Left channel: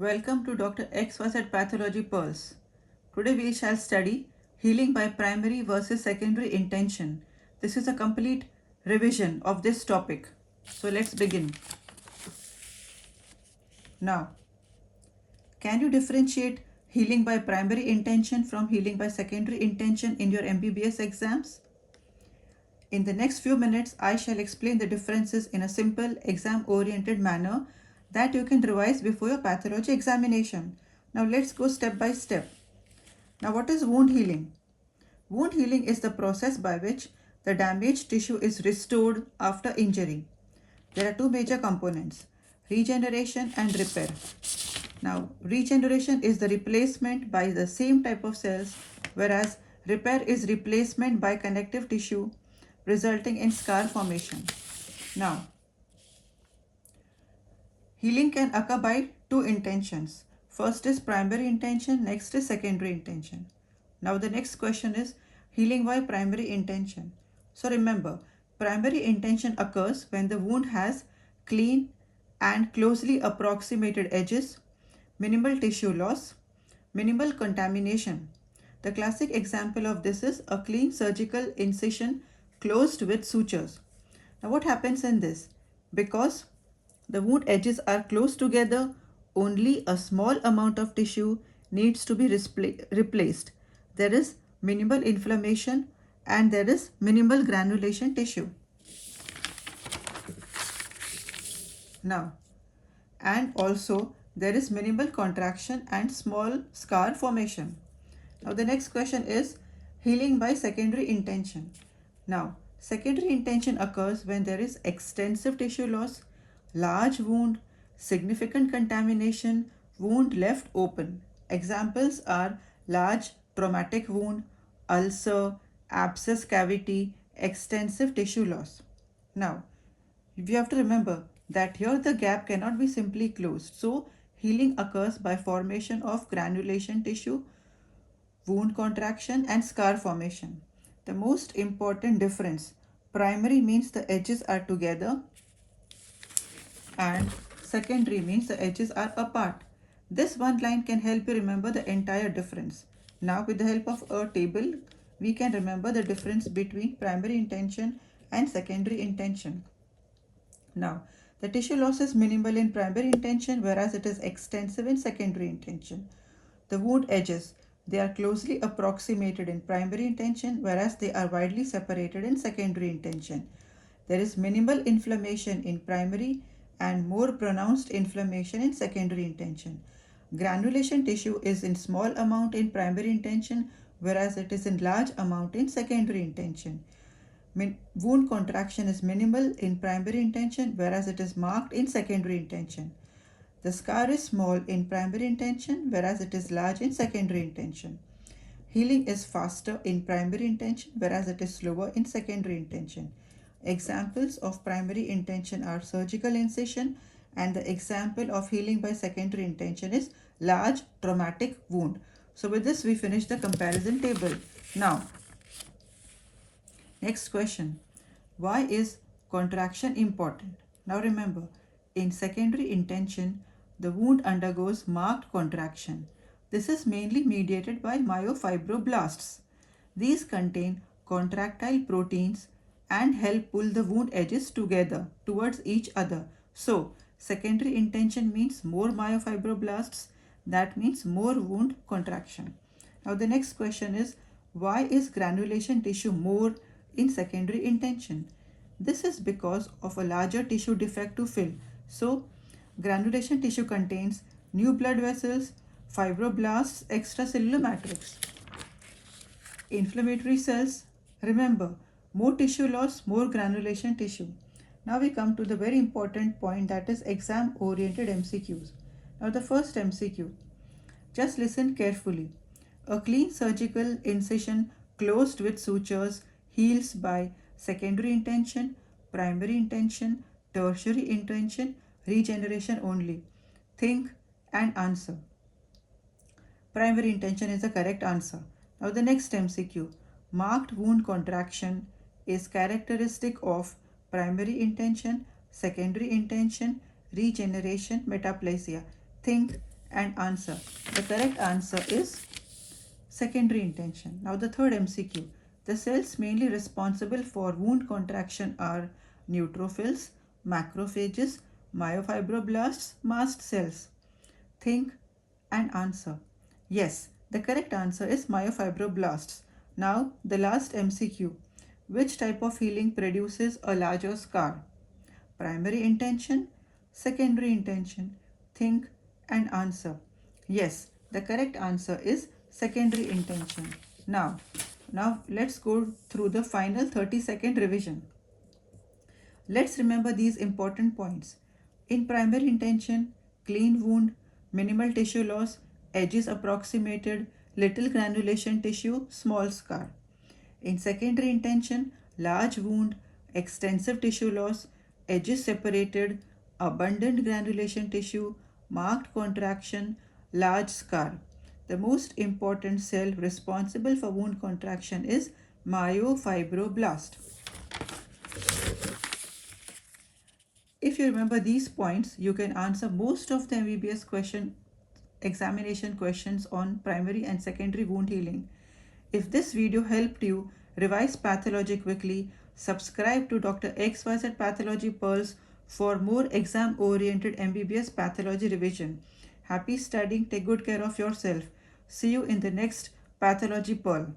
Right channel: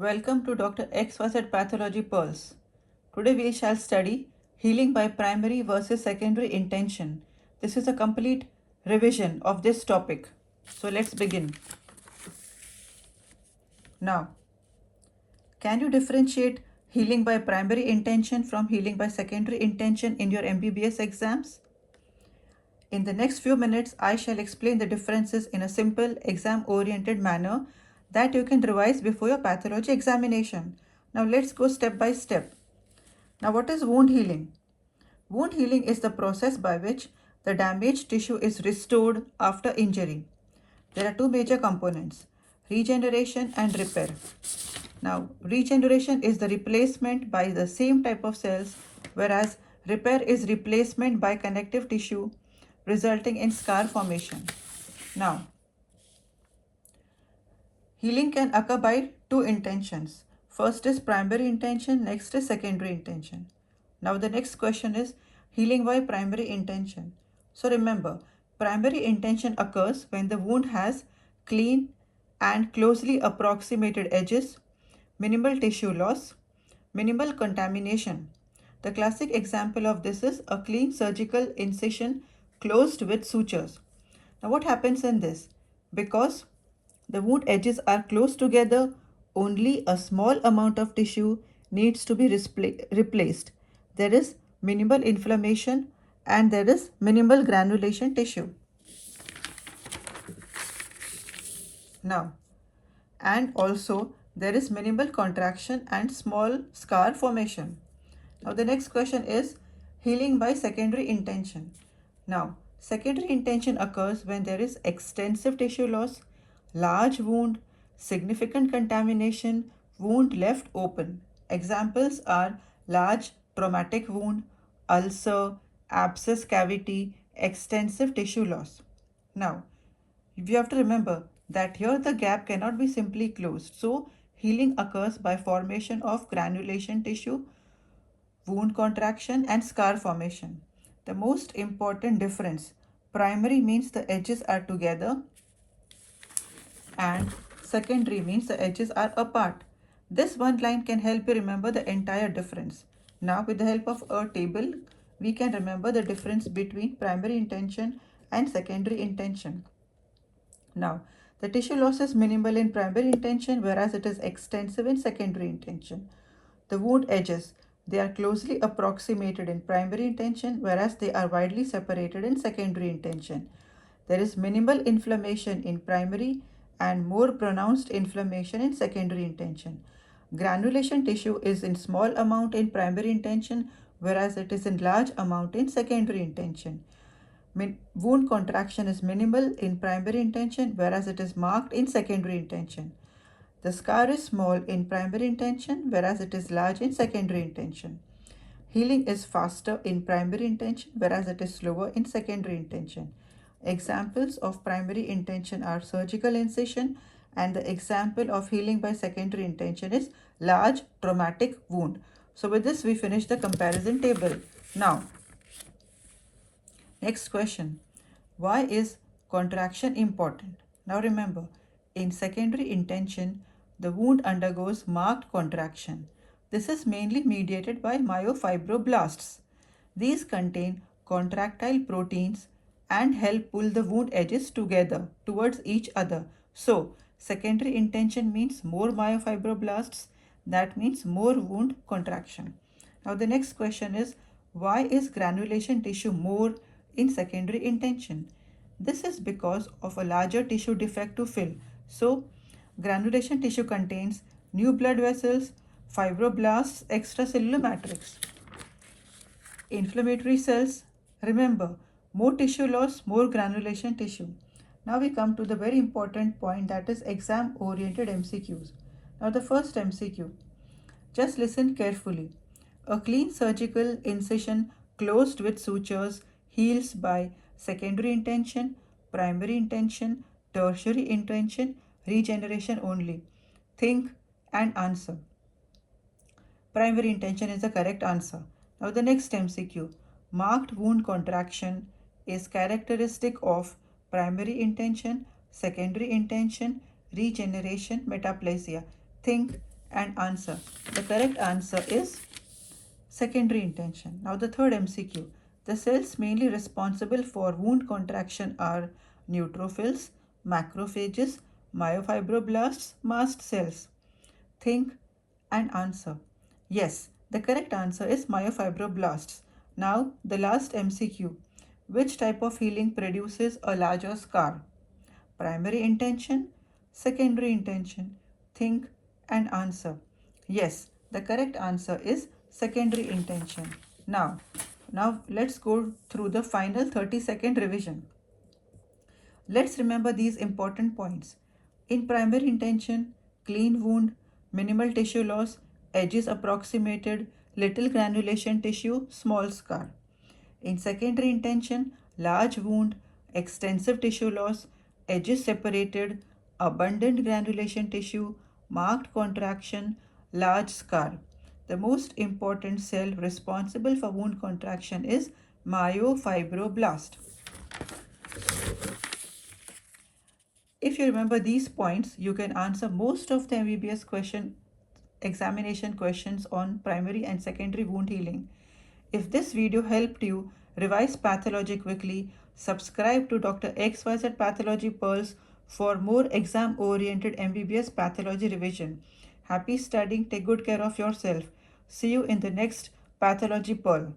Welcome to Dr. XYZ Pathology Pearls. Today we shall study healing by primary versus secondary intention. This is a complete revision of this topic. So let's begin. Now, can you differentiate healing by primary intention from healing by secondary intention in your MBBS exams? In the next few minutes, I shall explain the differences in a simple exam-oriented manner that you can revise before your pathology examination. Now let's go step by step. Now what is wound healing? Wound healing is the process by which the damaged tissue is restored after injury. There are two major components, regeneration and repair. Now regeneration is the replacement by the same type of cells, whereas repair is replacement by connective tissue resulting in scar formation. Now, healing can occur by two intentions. First is primary intention, next is secondary intention. Now the next question is healing by primary intention. So remember, primary intention occurs when the wound has clean and closely approximated edges, minimal tissue loss, minimal contamination. The classic example of this is a clean surgical incision closed with sutures. Now what happens in this? Because the wound edges are close together, only a small amount of tissue needs to be replaced. There is minimal inflammation and there is minimal granulation tissue. Now, and also there is minimal contraction and small scar formation. Now the next question is healing by secondary intention. Now, secondary intention occurs when there is extensive tissue loss, large wound, significant contamination, wound left open. Examples are large traumatic wound, ulcer, abscess cavity, extensive tissue loss. Now, we have to remember that here the gap cannot be simply closed. So, healing occurs by formation of granulation tissue, wound contraction and scar formation. The most important difference, primary means the edges are together and secondary means the edges are apart. This one line can help you remember the entire difference. Now with the help of a table, we can remember the difference between primary intention and secondary intention. Now, the tissue loss is minimal in primary intention, whereas it is extensive in secondary intention. The wound edges, they are closely approximated in primary intention, whereas they are widely separated in secondary intention. There is minimal inflammation in primary and more pronounced inflammation in secondary intention. Granulation tissue is in small amount in primary intention, whereas it is in large amount in secondary intention. Wound contraction is minimal in primary intention, whereas it is marked in secondary intention. The scar is small in primary intention, whereas it is large in secondary intention. Healing is faster in primary intention, whereas it is slower in secondary intention. Examples of primary intention are surgical incision, and the example of healing by secondary intention is large traumatic wound. So with this we finish the comparison table. Now, next question. Why is contraction important? Now remember, in secondary intention, the wound undergoes marked contraction. This is mainly mediated by myofibroblasts. These contain contractile proteins and help pull the wound edges together towards each other. So, secondary intention means more myofibroblasts. That means more wound contraction. Now, the next question is, why is granulation tissue more in secondary intention? This is because of a larger tissue defect to fill. So, granulation tissue contains new blood vessels, fibroblasts, extracellular matrix, inflammatory cells. Remember, more tissue loss, more granulation tissue. Now we come to the very important point, that is exam-oriented MCQs. Now the first MCQ, just listen carefully. A clean surgical incision closed with sutures heals by secondary intention, primary intention, tertiary intention, regeneration only. Think and answer. Primary intention is the correct answer. Now the next MCQ. Marked wound contraction is characteristic of primary intention, secondary intention, regeneration, metaplasia. Think and answer. The correct answer is secondary intention. Now the third MCQ. The cells mainly responsible for wound contraction are neutrophils, macrophages, myofibroblasts, mast cells. Think and answer. Yes, the correct answer is myofibroblasts. Now the last MCQ. Which type of healing produces a larger scar? Primary intention, secondary intention. Think and answer. Yes, the correct answer is secondary intention. Now let's go through the final 30-second revision. Let's remember these important points. In primary intention, clean wound, minimal tissue loss, edges approximated, little granulation tissue, small scar. In secondary intention, large wound, extensive tissue loss, edges separated, abundant granulation tissue, marked contraction, large scar. The most important cell responsible for wound contraction is myofibroblast. If you remember these points, you can answer most of the MBBS examination questions on primary and secondary wound healing. If this video helped you revise pathology quickly, subscribe to Dr. XYZ Pathology Pearls for more exam-oriented MBBS pathology revision. Happy studying. Take good care of yourself. See you in the next Pathology Pearl.